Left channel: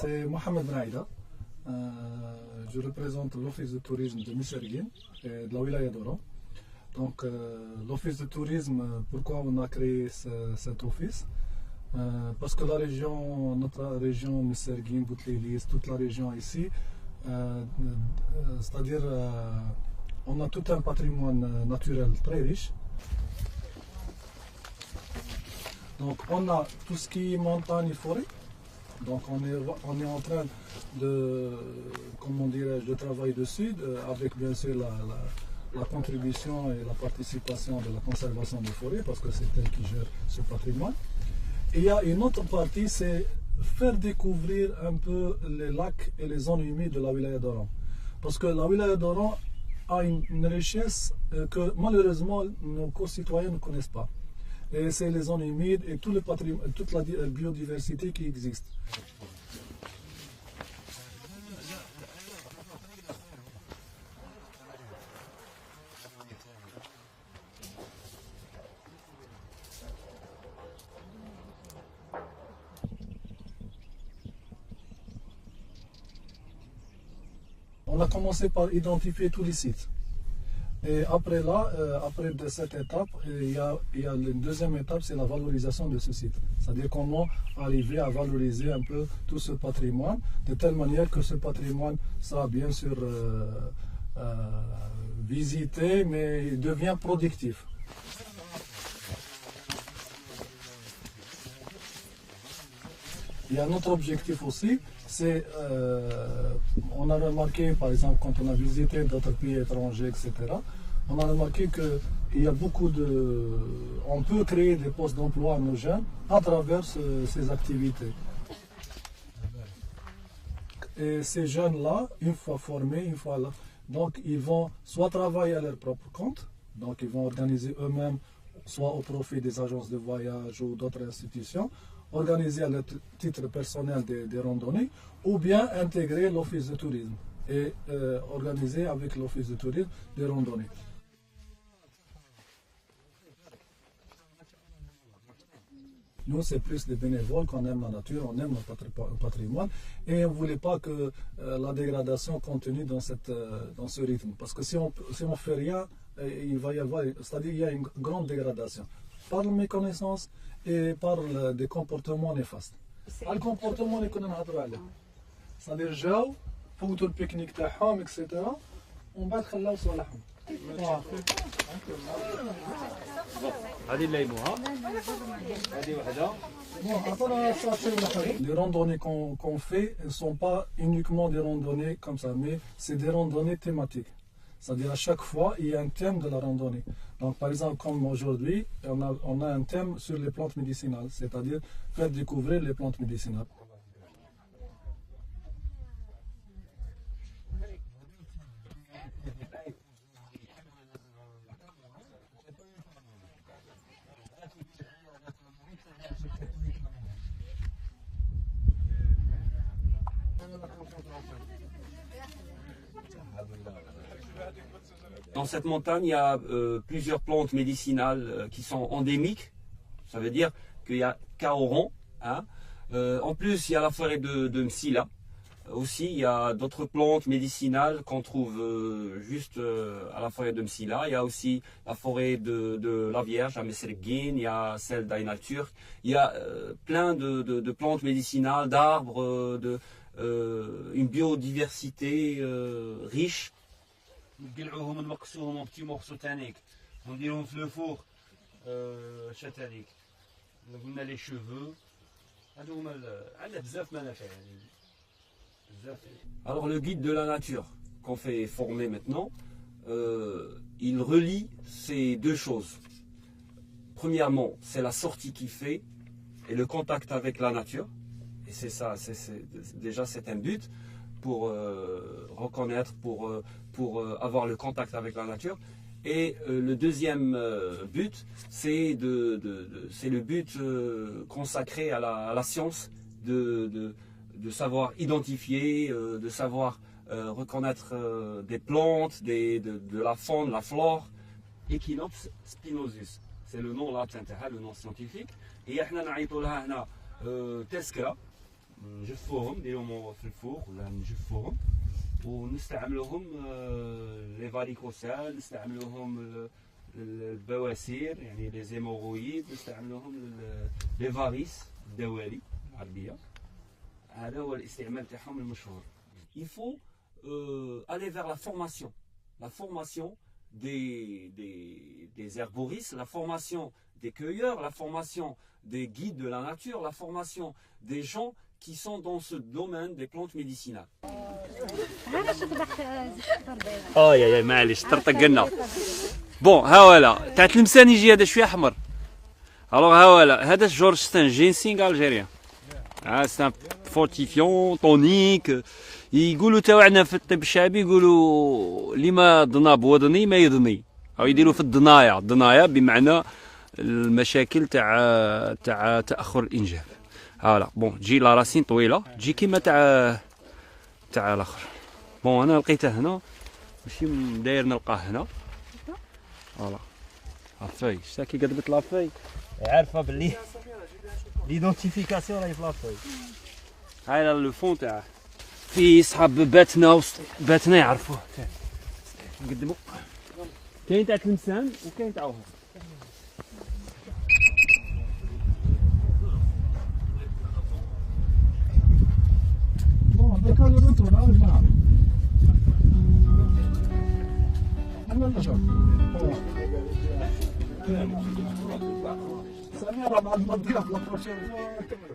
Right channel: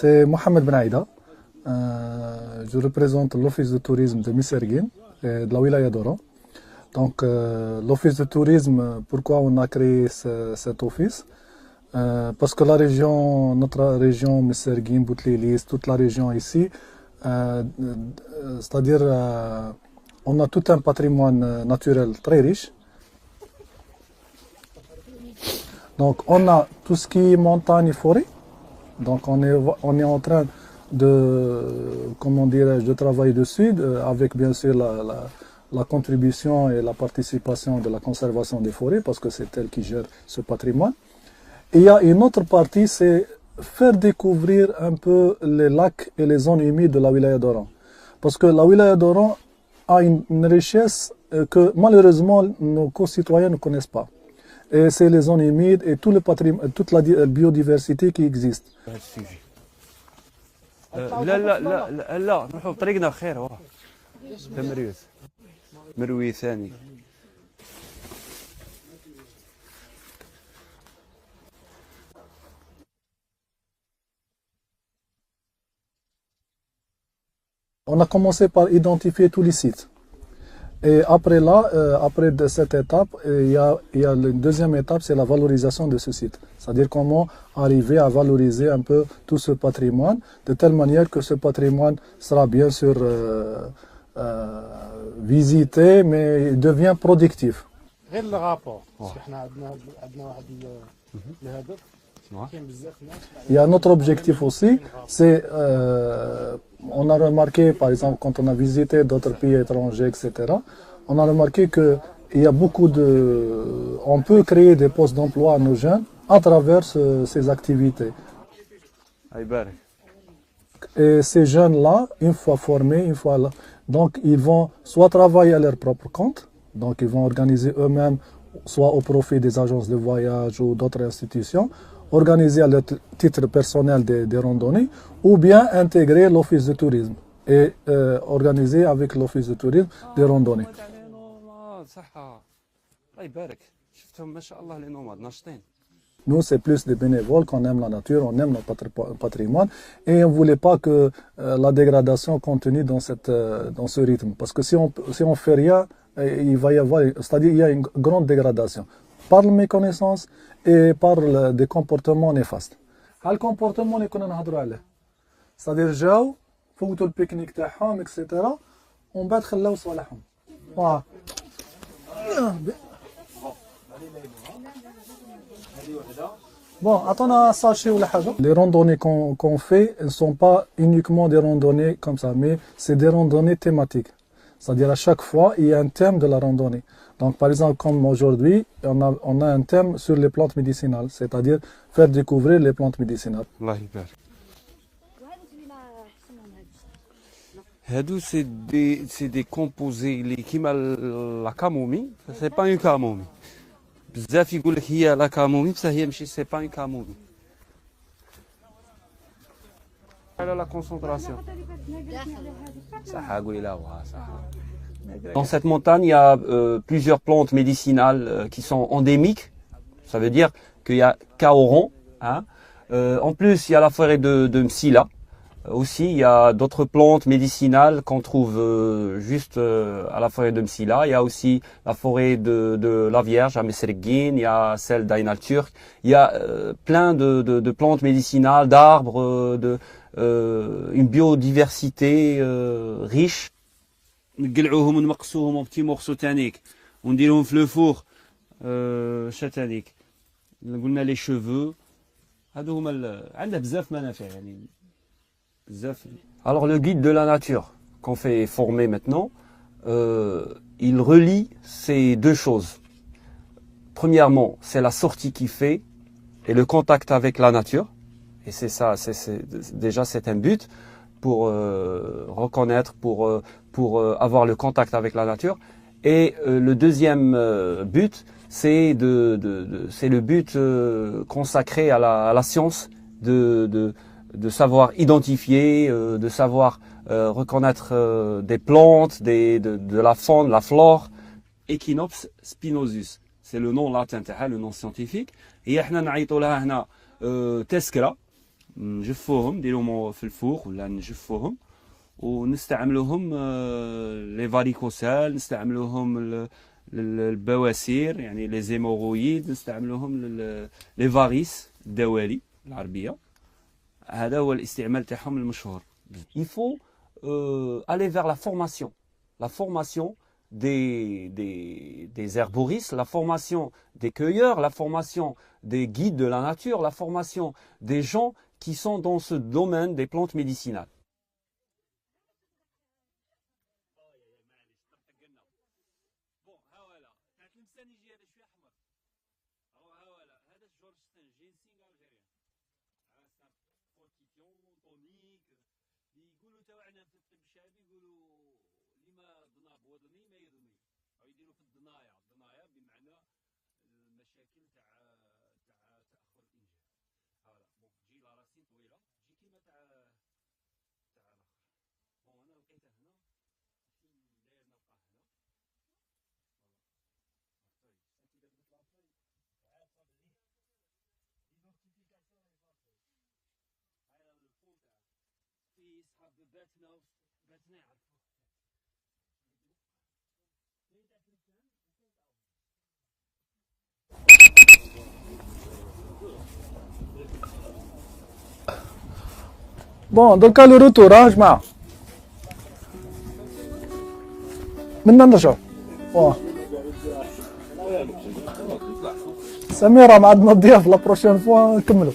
C'est Mohamed Ben Aïda. Je représente l'office de tourisme de Messerguine et de la wilaya d'Oran. Donc l'office de tourisme, pourquoi on a créé cet office? Parce que notre région Messerguine, Boutlilis, toute la région ici, c'est-à-dire on a tout un patrimoine naturel très riche. Donc on a tout ce qui est montagne et forêt. Donc on est en train de, comment dirais-je, de travailler dessus, avec bien sûr la contribution et la participation de la conservation des forêts, parce que c'est elle qui gère ce patrimoine. Et il y a une autre partie, c'est faire découvrir un peu les lacs et les zones humides de la wilaya d'Oran. Parce que la wilaya d'Oran a une richesse que malheureusement nos concitoyens ne connaissent pas. Et c'est les zones humides et tout le patrimoine, toute la biodiversité qui existe. لا لا لا لا لا نروحوا بطريقنا خير ورا تمريوث مروي ثاني. On a commencé par identifier tous les sites. Et après après de cette étape, il y a la deuxième étape, c'est la valorisation de ce site. C'est-à-dire comment arriver à valoriser un peu tout ce patrimoine, de telle manière que ce patrimoine sera bien sûr visité, mais devient productif. Il y a un autre objectif aussi, c'est, on a remarqué, par exemple, quand on a visité d'autres pays étrangers, etc., on a remarqué qu'il y a on peut créer des postes d'emploi à nos jeunes à travers ces activités. Et ces jeunes-là, une fois formés, donc ils vont soit travailler à leur propre compte, donc ils vont organiser eux-mêmes, soit au profit des agences de voyage ou d'autres institutions, organiser à leur titre personnel des randonnées, ou bien intégrer l'office de tourisme et organiser avec l'office de tourisme des randonnées. Nous, c'est plus des bénévoles qu'on aime la nature, on aime notre patrimoine et on ne voulait pas que la dégradation continue dans ce rythme. Parce que si on ne fait rien, il va y avoir, c'est-à-dire il y a une grande dégradation par la méconnaissance et par des comportements néfastes. Le comportement c'est-à-dire جاو فوتوا البيكنيك تاعهم etc. ومن بعد خلاو صوالحهم. Bon, attends, sachez où la haja. Les randonnées qu'on fait ne sont pas uniquement des randonnées comme ça, mais c'est des randonnées thématiques. C'est-à-dire à chaque fois, il y a un thème de la randonnée. Donc par exemple, comme aujourd'hui, on a un thème sur les plantes médicinales, c'est-à-dire faire découvrir les plantes médicinales. C'est des composés qui la camomille, c'est pas une camomille. بزاف يقول لك هي لا كامومي بصح هي ماشي سي با اون كامومي. على لا كونسونطراسيون صح اقول لا صح. Dans cette montagne, il y a plusieurs plantes médicinales qui sont endémiques. Ça veut dire qu'il y a Kaoran. Hein. En plus, il y a la forêt de Msila. Aussi, il y a d'autres plantes médicinales qu'on trouve juste à la forêt de Msila. Il y a aussi la forêt de la Vierge à Messerguine. Il y a celle d'Ainal Turk. Il y a plein de plantes médicinales, d'arbres, une biodiversité riche. نقلعوهم ونمقصوهم بتي مورسو تانيك ونديرهم في لو فور شتانيك قلنا لي شوفو هادو هما عندنا بزاف منافع يعني بزاف. Alors le guide de la nature qu'on fait former maintenant, il relie ces deux choses. Premièrement, c'est la sortie qu'il fait et le contact avec la nature. Et c'est ça, déjà c'est un but pour reconnaître, pour avoir le contact avec la nature. Et le deuxième but, c'est le but consacré à la science de savoir identifier, de savoir reconnaître des plantes, de la faune, la flore. Echinops spinosus, c'est le nom latin, le nom scientifique. Et احنا نعيطوا لها هنا تذكرة نجفوهم نديروهم في الفوق ولا نجفوهم ونستعملوهم لي فاريكوسال، نستعملوهم للبواسير يعني لي زيموغويد، نستعملوهم لي فاريس الدوالي العربيه. هذا هو الاستعمال تاعهم المشهور. Il faut aller vers la formation des herboristes, la formation des cueilleurs, la formation des guides de la nature, la formation des gens qui sont dans ce domaine des plantes médicinales. يا معليش طرطقنا. بون ها ولا تاع تلمسان يجي هذا شويه احمر. الوغ ها ولا هذا جورجستان جينسينغ الجيريان. سان فورتيفيون طونيك. يقولوا تا عندنا في الطب الشعبي يقولوا اللي ما ضناب وضني ما يضني، او يديروا في الضنايا بمعنى المشاكل تاع تاخر الانجاب. هالا بون تجي لا راسين طويله تجي كيما تاع الاخر. بون انا لقيته هنا ماشي داير نلقاه هنا. فوالا لافاي شتا كي قدبت لافاي عارفه باللي ليدونتيفيكاسيون راهي في لافاي. هاي لو فون تاعه في صحاب باتنا يعرفوه. نقدمو كاين تاع تلمسان وكاين تاع وهو. بون دوكا لو روتور ها جماعه منا نرجعو. بون سميرة مع عندنا الضياف لا بروشين فوا نكملو.